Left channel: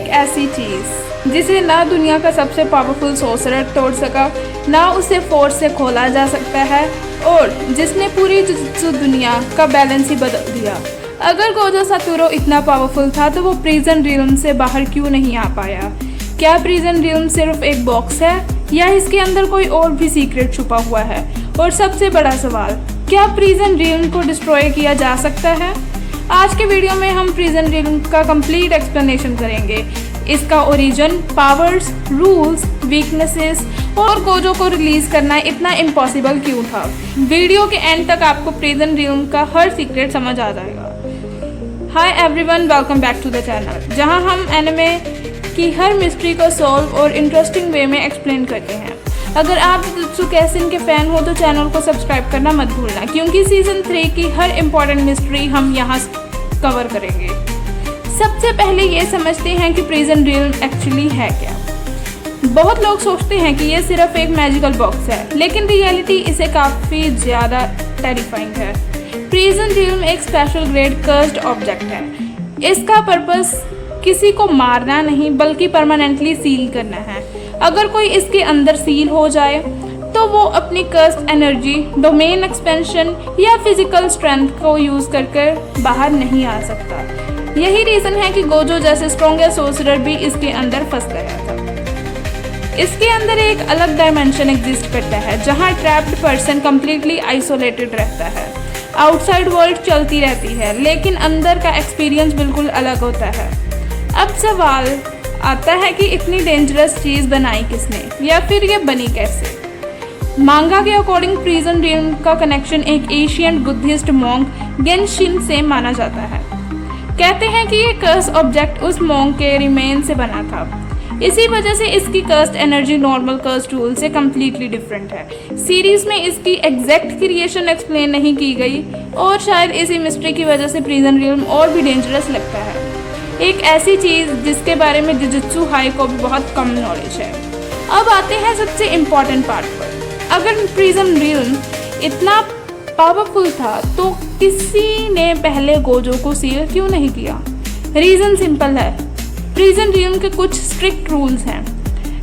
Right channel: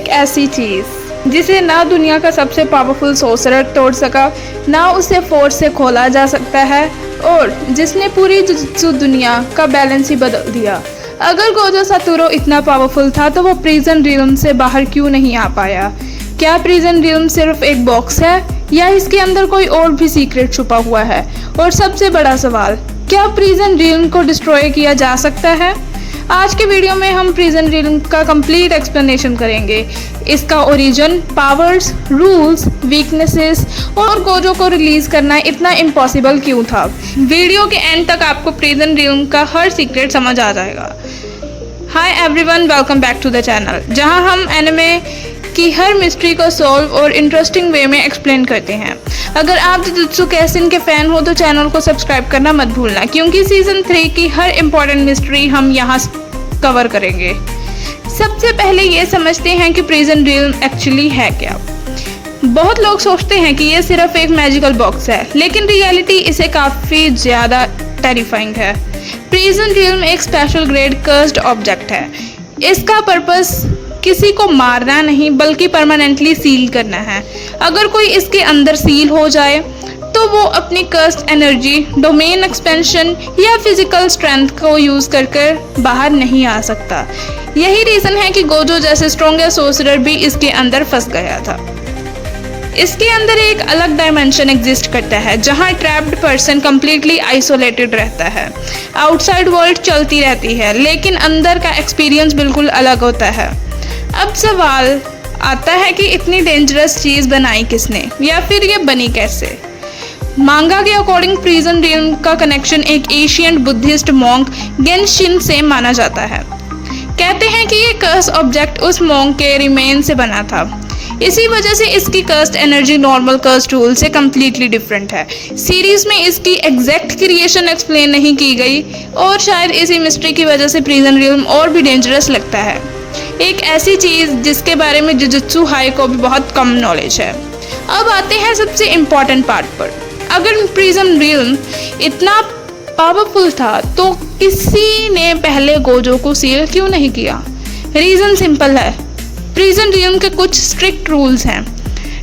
एक ऐसी चीज़ जिसे ना दुनिया का सबसे पावरफुल सोर्सरर तोड़ सका, ना उसे फोर्स से खोला जा सकता है, और जिसने पूरी जुजुत्सु दुनिया का बैलेंस ही बदल दिया। अगर गोजो सातोरू इतना पावरफुल था तो वो प्रिजन रियल्म से बाहर क्यों नहीं आ पाया? क्या प्रिजन रियल्म सिर्फ एक बॉक्स है या इसके अंदर कोई और भी सीक्रेट छुपा हुआ है? और सबसे बड़ा सवाल, क्या प्रिजन रियल्म को डिस्ट्रॉय किया जा सकता है? आज के वीडियो में हम प्रिजन रियल्म का कंप्लीट एक्सप्लेनेशन करेंगे, इसका ओरिजिन, पावर्स, रूल्स, वीकनेसेस और गोजो को रिलीज करना इतना इम्पॉसिबल क्यों था। वीडियो के एंड तक आपको प्रिजन रियल्म का हर सीक्रेट समझ आ जाएगा। Hi everyone, welcome back to the channel, जहां हम एनिमे की हर मिस्ट्री को सॉल्व और इंटरेस्टिंग वे में एक्सप्लेन करते हैं। अगर आप जुजुत्सु काइसेन के फ़ैन हो तो चैनल को सब्सक्राइब करना मत भूलना, क्योंकि सीज़न 3 की हर इम्पॉर्टेंट मिस्ट्री हम यहाँ कवर करेंगे। सबसे पहले ये समझते हैं कि प्रिजन रियल्म एक्चुअली है क्या। बहुत लोग सोचते हैं कि ये सिर्फ एक मैजिकल बॉक्स है, लेकिन रियलिटी इसे काफ़ी ज़्यादा टेरिफाइंग है। प्रिजन रियल्म एक स्पेशल ग्रेड कर्स्ड ऑब्जेक्ट है। इसका पर्पस किसी को मारना नहीं बल्कि परमानेंटली सील करना है। अगर कोई इसके अंदर सील हो जाए तो वो अपनी कर्स्ड एनर्जी, डोमेन एक्सपेंशन या फिजिकल स्ट्रेंथ को यूज़ कर बाहर नहीं आ सकता। यही रीज़न है कि गोजो जैसे स्ट्रॉन्गेस्ट सोर्सरर भी इसके अंदर फंस गया था। इसके अंदर एक अलग डायमेंशन एग्जिस्ट करता है जहाँ ट्रैप्ड पर्सन कम्प्लीटली आइसोलेटेड रहता है। आउटसाइड वर्ल्ड चलती रहती है, लेकिन अंदर का एक्सपीरियंस बिल्कुल अलग होता है। अब सवाल आता है कि इतनी डेंजरस चीज़ बनाई किसने, या फिर ये बनी कैसे। मांगा के अकॉर्डिंग प्रिजन रियल्म का कनेक्शन एक एशियंट बुद्धिस्ट मॉन्क गेनशिन से माना जाता है। कहते हैं कि ये कर्स ऑब्जेक्ट उस मॉन्क के रिमेन से बना था। इसी वजह से इसकी cursed energy normal cursed tool से कम्प्लीटली डिफरेंट है। सीरीज में इसकी एग्जैक्ट क्रिएशन एक्सप्लेन नहीं की गई, और शायद इसी मिस्ट्री की वजह से प्रिजन रियल्म और भी डेंजरस लगता है। एक ऐसी चीज़ जिसके बारे में जुजुत्सु हाई को भी बहुत कम नॉलेज है। अब आते हैं सबसे इम्पॉर्टेंट पार्ट पर। अगर प्रिजन रियल्म इतना पावरफुल था तो किसी ने पहले गोजो को सील क्यों नहीं किया? रीज़न सिंपल है, प्रिजन रियल्म के कुछ स्ट्रिक्ट रूल्स हैं।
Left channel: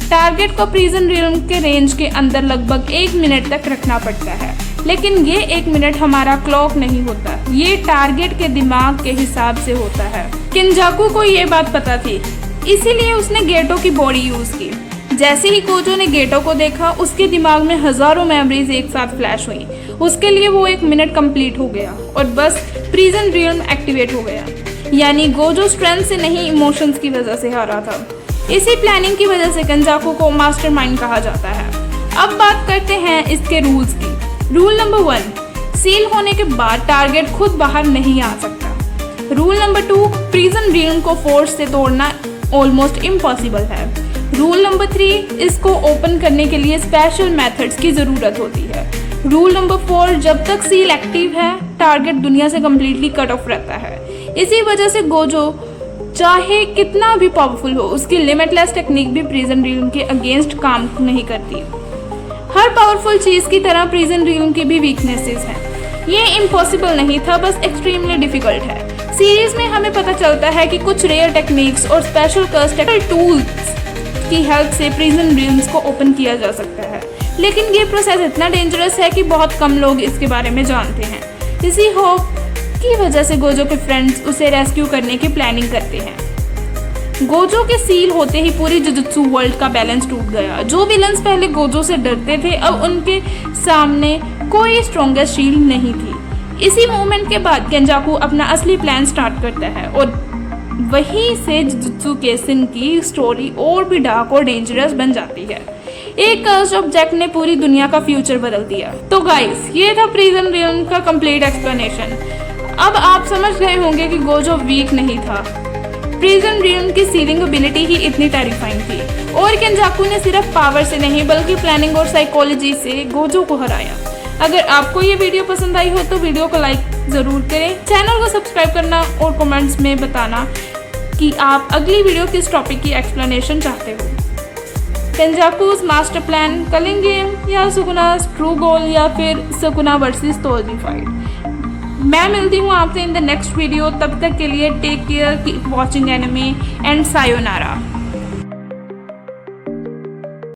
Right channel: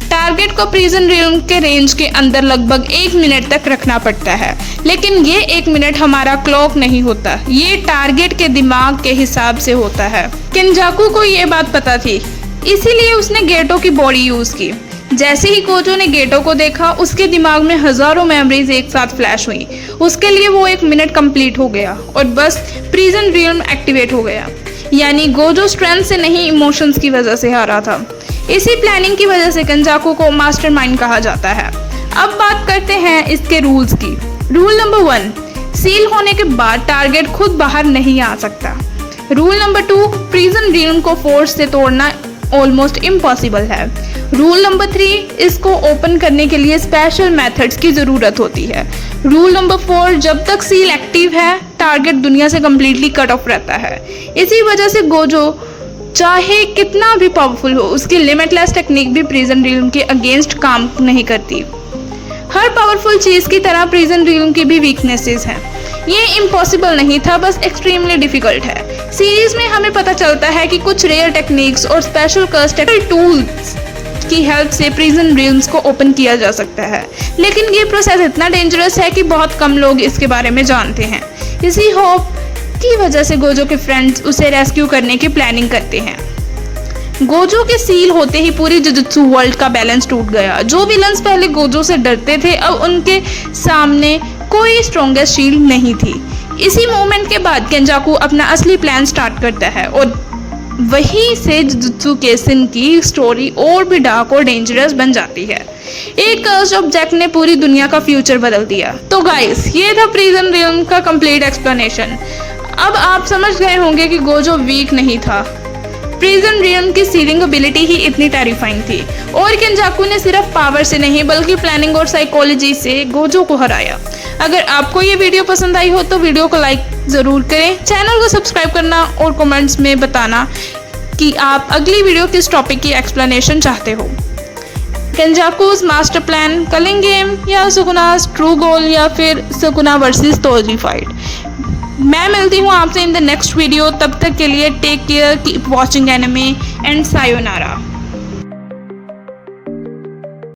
टारगेट को प्रिजन रियल्म के रेंज के अंदर लगभग 1 मिनट तक रखना पड़ता है, लेकिन ये 1 मिनट हमारा क्लॉक नहीं होता, ये टारगेट के दिमाग के हिसाब से होता है। केंजाकू को ये बात पता थी, इसीलिए उसने गेटो की बॉडी यूज़ की। जैसे ही गोजो ने गेटो को देखा, उसके दिमाग में हज़ारों मेमोरीज एक साथ फ्लैश हुई। उसके लिए वो 1 मिनट कंप्लीट हो गया और बस प्रिजन रियल्म एक्टिवेट हो गया। यानी गोजो स्ट्रेंथ से नहीं, इमोशंस की वजह से हारा था। इसी प्लानिंग की वजह से केंजाकू को मास्टरमाइंड कहा जाता है। अब बात करते हैं इसके रूल्स की। रूल नंबर 1, सील होने के बाद टारगेट खुद बाहर नहीं आ सकता। रूल नंबर 2, प्रिजन रियल्म को फोर्स से तोड़ना ऑलमोस्ट इम्पॉसिबल है। रूल नंबर 3, इसको ओपन करने के लिए स्पेशल मेथड्स की ज़रूरत होती है। रूल नंबर 4, जब तक सील एक्टिव है टारगेट दुनिया से कम्प्लीटली कट ऑफ रहता है। इसी वजह से गोजो चाहे कितना भी पावरफुल हो, उसकी लिमिटलेस टेक्निक भी प्रिजन रियल्म के अगेंस्ट काम नहीं करती। हर पावरफुल चीज़ की तरह प्रिजन रियल्म की भी वीकनेसेस हैं। ये इम्पॉसिबल नहीं था, बस एक्सट्रीमली डिफ़िकल्ट है। सीरीज में हमें पता चलता है कि कुछ रेयर टेक्निक्स और स्पेशल कर्स्ड टूल्स की हेल्प से प्रिजन रियल्म्स को ओपन किया जा सकता है, लेकिन ये प्रोसेस इतना डेंजरस है कि बहुत कम लोग इसके बारे में जानते हैं। इसी होप की वजह से गोजो के फ्रेंड्स उसे रेस्क्यू करने की प्लानिंग करते हैं। गोजो के सील होते ही पूरी जुजुत्सु वर्ल्ड का बैलेंस टूट गया। जो विलन्स पहले गोजो से डरते थे, अब उनके सामने कोई स्ट्रॉन्गेस्ट शील्ड नहीं थी। इसी मोमेंट के बाद केंजाकू अपना असली प्लान स्टार्ट करता है, और वहीं से जुजुत्सु काइसेन की स्टोरी और भी डार्क और डेंजरस बन जाती है। एक कर्स्ड ऑब्जेक्ट ने पूरी दुनिया का फ्यूचर बदल दिया। तो गाइस, ये था प्रिजन रियल्म का कंप्लीट एक्सप्लेनेशन। अब आप समझ गए होंगे कि गोजो वीक नहीं था, प्रिजन रियल्म की सीलिंग एबिलिटी ही इतनी टेरिफाइंग थी, और केंजाकू ने सिर्फ पावर से नहीं बल्कि प्लानिंग और साइकोलॉजी से गोजो को हराया। अगर आपको ये वीडियो पसंद आई हो तो वीडियो को लाइक ज़रूर करें, चैनल को सब्सक्राइब करना और कमेंट्स में बताना कि आप अगली वीडियो किस टॉपिक की एक्सप्लेनेशन चाहते हो। केंजाकूज मास्टर प्लान, कलिंग गेम, या सुकुना's ट्रू गोल, या फिर सुकुना वर्सेस तोजी फाइट। मैं मिलती हूँ आपसे इन द नेक्स्ट वीडियो, तब तक के लिए take care, keep watching anime and sayonara.